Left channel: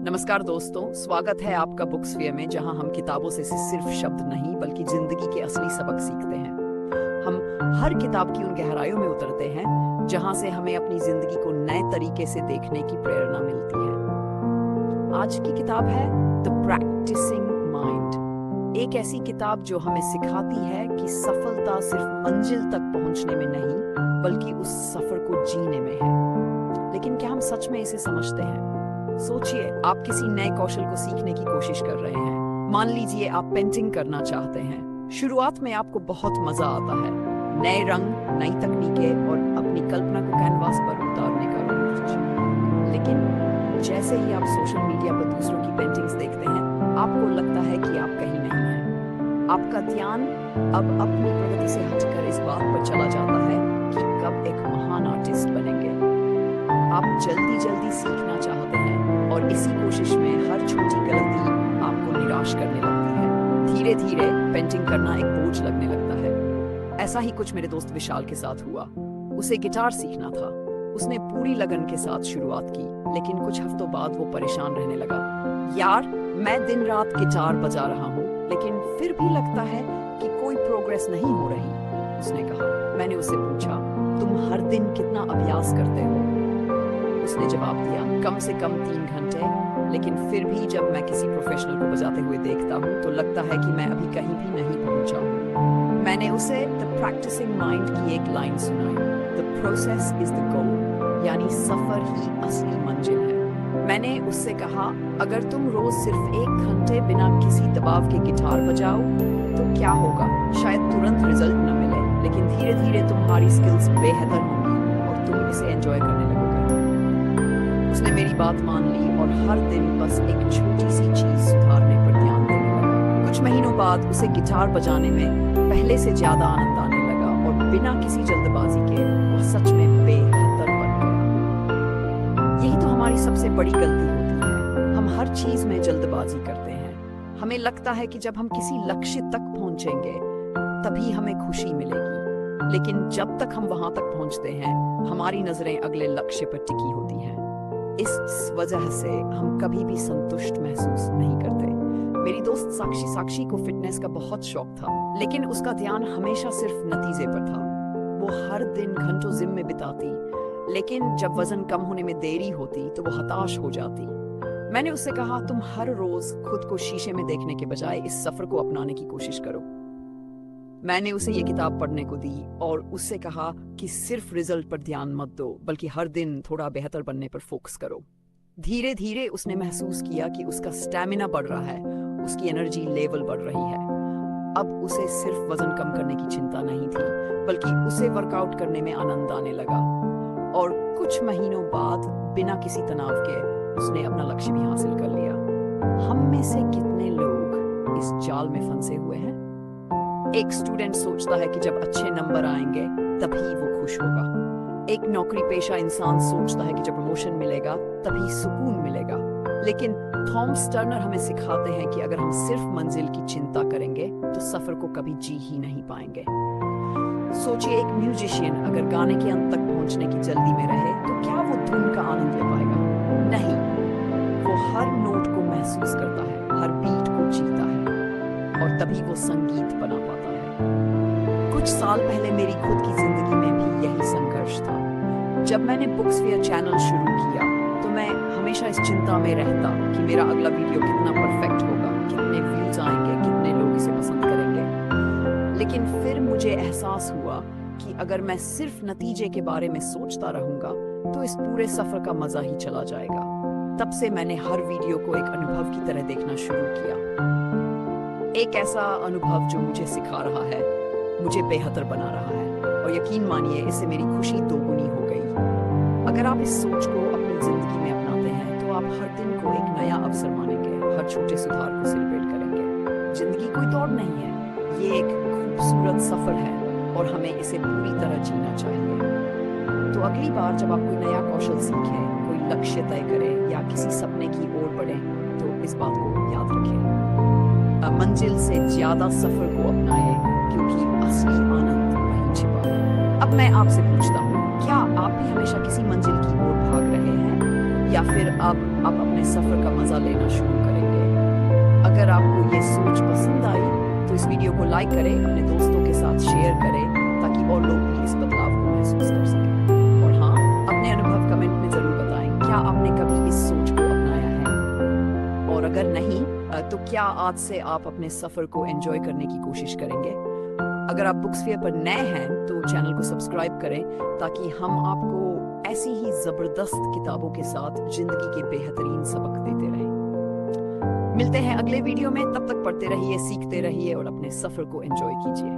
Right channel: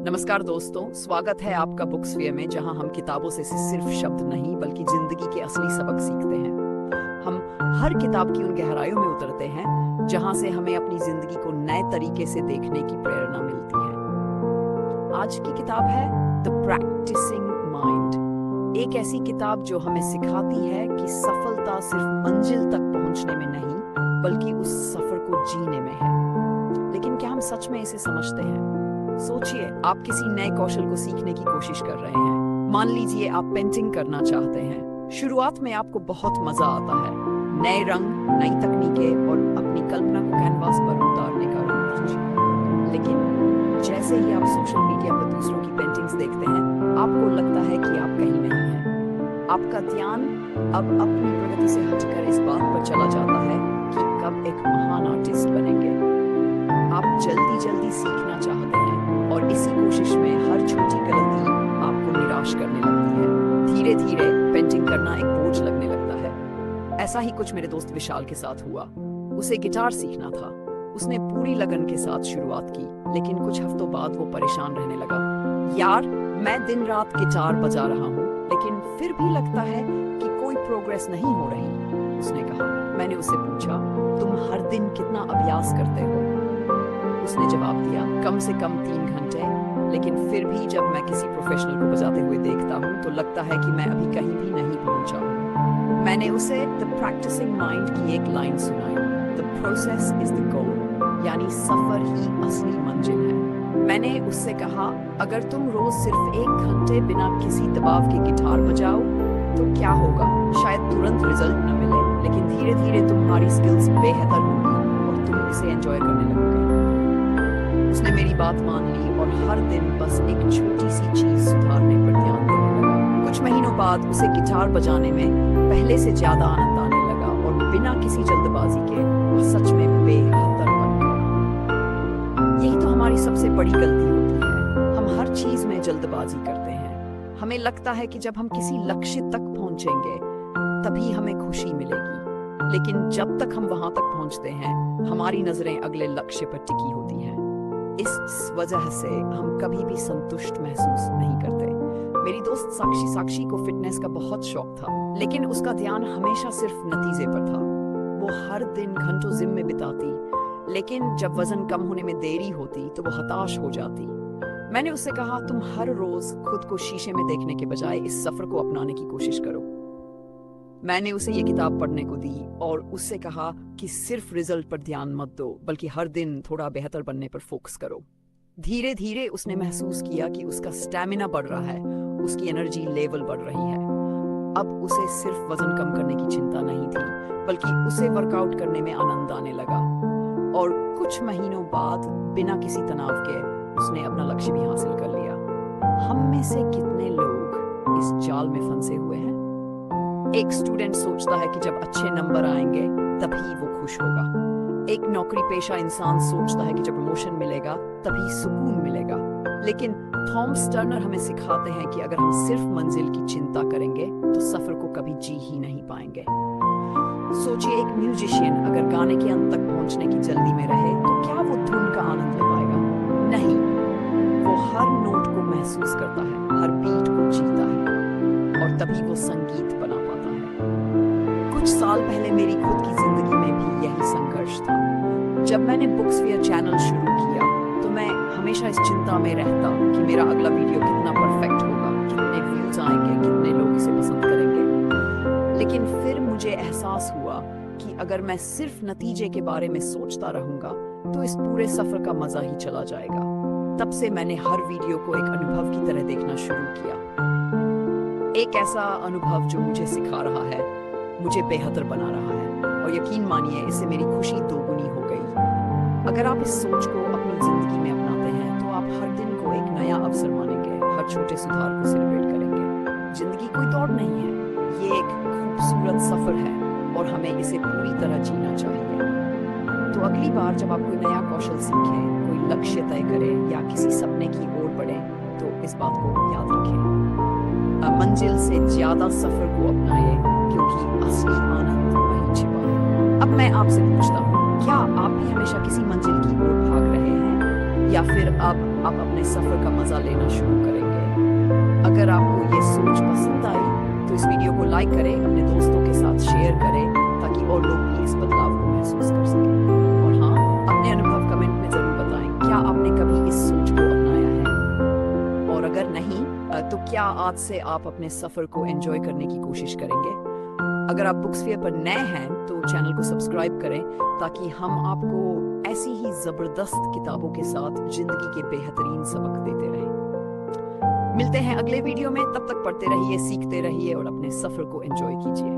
नमस्कार दोस्तों, स्वागत है आपका बुक्सफेयर में, जहां हम किताबों से सिर्फ शब्द नहीं बल्कि जिंदगी के असली सबक सीखते हैं। हम हर किताब की उन गहराइयों में उतरते हैं जहां से हमें अपनी जिंदगी को नए तरीके से देखने की प्रेरणा मिलती है। आज की किताब है द प्रैक्टिसिंग माइंड, एक ऐसी किताब जो हमें सिखाती है कि सफलता सिर्फ मंजिल तक पहुंचने में नहीं बल्कि उस सफर को जीने में है। लेकिन क्या हम सच में इसे समझते हैं? सोचिए, आप किसी नए कौशल को सीखने की कोशिश कर रहे हैं। मान लीजिए आप पेंटिंग करना चाहते हैं। शुरुआत में आपको बहुत मजा आता है, नए रंग, नई तकनीकें और अपनी कल्पना को कैनवास पर उतारने का रोमांच। लेकिन जैसे ही आप सोशल मीडिया पर दूसरों की पेंटिंग्स देखते हैं, आपको लगता है कि आप कहीं नहीं हैं। आपका ध्यान अब अपनी प्रगति से हटकर इस बात पर चला जाता है कि कब एक महान आर्टिस्ट बनेंगे। आप जल्दी जल्दी सीखना चाहते हैं और इसी कोशिश में हर छोटी गलती आपको निराश करने लगती है। धीरे धीरे पेंटिंग करना एक बोझ लगने लगता है। ऐसा ही कुछ मेरे दोस्त विशाल के साथ हुआ। उसे गिटार सीखना था। उसने पूरी लगन के साथ शुरुआत की, लेकिन कुछ हफ्तों बाद वो परेशान रहने लगा। यार, मैं दिन रात गिटार बजा रहा हूँ, लेकिन फिर भी लगता है कि कोई प्रोग्रेस नहीं हो रही, उसने कहा। मैंने उससे पूछा, तुम हर दिन कितना अभ्यास करते हो? उसने जवाब दिया, कम से कम 3 घंटे। लेकिन फिर भी जब मैं किसी प्रोफेशनल को बजाते हुए देखता हूँ तो लगता है कि मैं अभी कहीं भी नहीं पहुंचा हूँ। मैंने उसे द प्रैक्टिसिंग माइंड की एक लाइन सुनाई, the process is the goal, यानी सफर ही असली मंजिल है। मैंने उससे कहा, अगर तुम रोज सिर्फ 1 घंटे बिना किसी दबाव के गिटार बजाओ तो क्या होगा? शायद तुरंत रिजल्ट न मिले, लेकिन धीरे धीरे तुम्हारी स्किल्स बेहतर होंगी और तुम इसे एंजॉय करने लगोगे। उसने मेरी बात मान ली और हर दिन बस एक छोटी सी चीज सुधारने पर ध्यान देने लगा। कुछ महीनों बाद उसे गिटार बजाने में पहले से ज्यादा आनंद आने लगा और बिना किसी जल्दबाजी के वह सच में बेहतर बन गया। यही तो हमारी सबसे बड़ी गलती होती है। हम हर चीज में जल्दबाजी करते हैं। हमें लगता है कि जब हम किसी लक्ष्य तक पहुंचेंगे तभी हमें खुशी मिलेगी, लेकिन जब तक हम वहां तक पहुंचते हैं हमारी नजरें अगले लक्ष्य पर टिकी होती हैं। इस वजह से हम कभी भी संतुष्ट महसूस नहीं करते। मेरी दोस्त साक्षी को फिटनेस का बहुत शौक था, लेकिन उसका ध्यान हमेशा सिर्फ नतीजे पर था। वो हर दिन घंटों जिम में बिताती, लेकिन जब वजन कम होने में देरी होती तो वो हताश हो जाती। मैंने उससे कहा, तुम हर रोज खुद को शीशे में देखने के बजाय इस सफर को अपनाने की कोशिश करो। मैंने उसे ये किताब पढ़ने को दी और उससे कहा कि सिर्फ रिजल्ट पर ध्यान मत दो, बल्कि हर दिन थोड़ा बेहतर बनने पर फोकस करो। धीरे धीरे उसने महसूस किया कि उसका स्टैमिना बढ़ रहा है, उसकी एनर्जी लेवल बढ़ रही है। अब उसे सिर्फ वजन कम करने की चिंता नहीं थी, बल्कि उसे वर्कआउट करने में आनंद आने लगा। और कुछ महीनों बाद बिना किसी तनाव के उसने अपना लक्ष्य भी हासिल कर लिया। हम में से कितने लोग इस जाल में फंसे हुए हैं? एक स्टूडेंट सोचता है कि जब अच्छे नंबर आएंगे तभी वो खुश होगा। एक नौकरी पेशा इंसान सोचता है कि जब प्रमोशन मिलेगा तभी सुकून मिलेगा। लेकिन थॉमस टर्नर हमें सिखाते हैं कि अगर हम सिर्फ मंजिल की चिंता करेंगे तो सफर को कभी जी ही नहीं पाएंगे। सोचिए, एक म्यूजिशियन अगर गाने के अंत तक पहुंचने की जल्दी में रहे तो क्या वो धुन का आनंद ले पाएगा? नहीं। वो हर नोट को महसूस करता है, हर बीट को जीता है, और तभी वो संगीत बना पाता है। कुछ साल पहले मेरी खुद की जिंदगी में भी यही संघर्ष था। जब मैंने बुक्सफेयर चैनल शुरू किया तो मैं हमेशा इस चिंता में रहता कि मेरा अगला वीडियो कितना परफेक्ट होगा, कितने व्यूज आएंगे, कितने लोग इसे पसंद करेंगे। लेकिन फिर मुझे एहसास हुआ कि अगर मैं सिर्फ नतीजे के बारे में सोचता रहूंगा तो इस पूरे सफर का मजा ही चला जाएगा। तब से मैंने हर वीडियो को एक अनुभव की तरह देखना शुरू किया, एक ऐसा अनुभव जो मुझे सिखा रहा है, मुझे बेहतर बना रहा है, और यकीन मानिए इससे मेरी खुशी दोगुनी हो गई। अगर आप इस सोच को अपनी जिंदगी में अपनाते हैं तो आप हर दिन को एक नया अवसर मानेंगे, हर छोटे सुधार को सेलिब्रेट करेंगे। जिंदगी कोई दौड़ नहीं है, ये एक खूबसूरत सफर है और हमें इसे पूरी तरह जीना चाहिए। तो अगली बार जब आप कोई नया कौशल सीखें, कोई लक्ष्य तय करें या किसी सपने की ओर बढ़ें तो इस बात को याद रखें, मंजिल से ज्यादा सफर को अपनाएं, क्योंकि असली आनंद वहीं छिपा है। अब मैं आपसे पूछता हूँ, क्या आप भी हमेशा किसी मंजिल की ओर भाग रहे हैं या फिर अब आप अपने सफर का मजा लेना शुरू करेंगे। अगर आपको ये सोच पसंद आई तो इस वीडियो को लाइक करें, अपने दोस्तों के साथ शेयर करें ताकि और लोग भी इस बदलाव को महसूस कर सकें। और हाँ, अपने अनुभव कमेंट में जरूर बताएं, क्या आपने कभी इस सोच को अपनाया है? और अगर नहीं, तो क्या आज से आप अपने सफर को एंजॉय करने की कोशिश करेंगे? अगर आप बुक्सफेयर पर नए हैं तो चैनल को सब्सक्राइब करें ताकि हम आपको ऐसी ही जबरदस्त किताबों के साथ जिंदगी के बेहतरीन सबक देते रहें। मिलते हैं अगले वीडियो में, तब तक पढ़ते रहिए, सीखते रहिए और अपने सफर को एंजॉय कीजिए।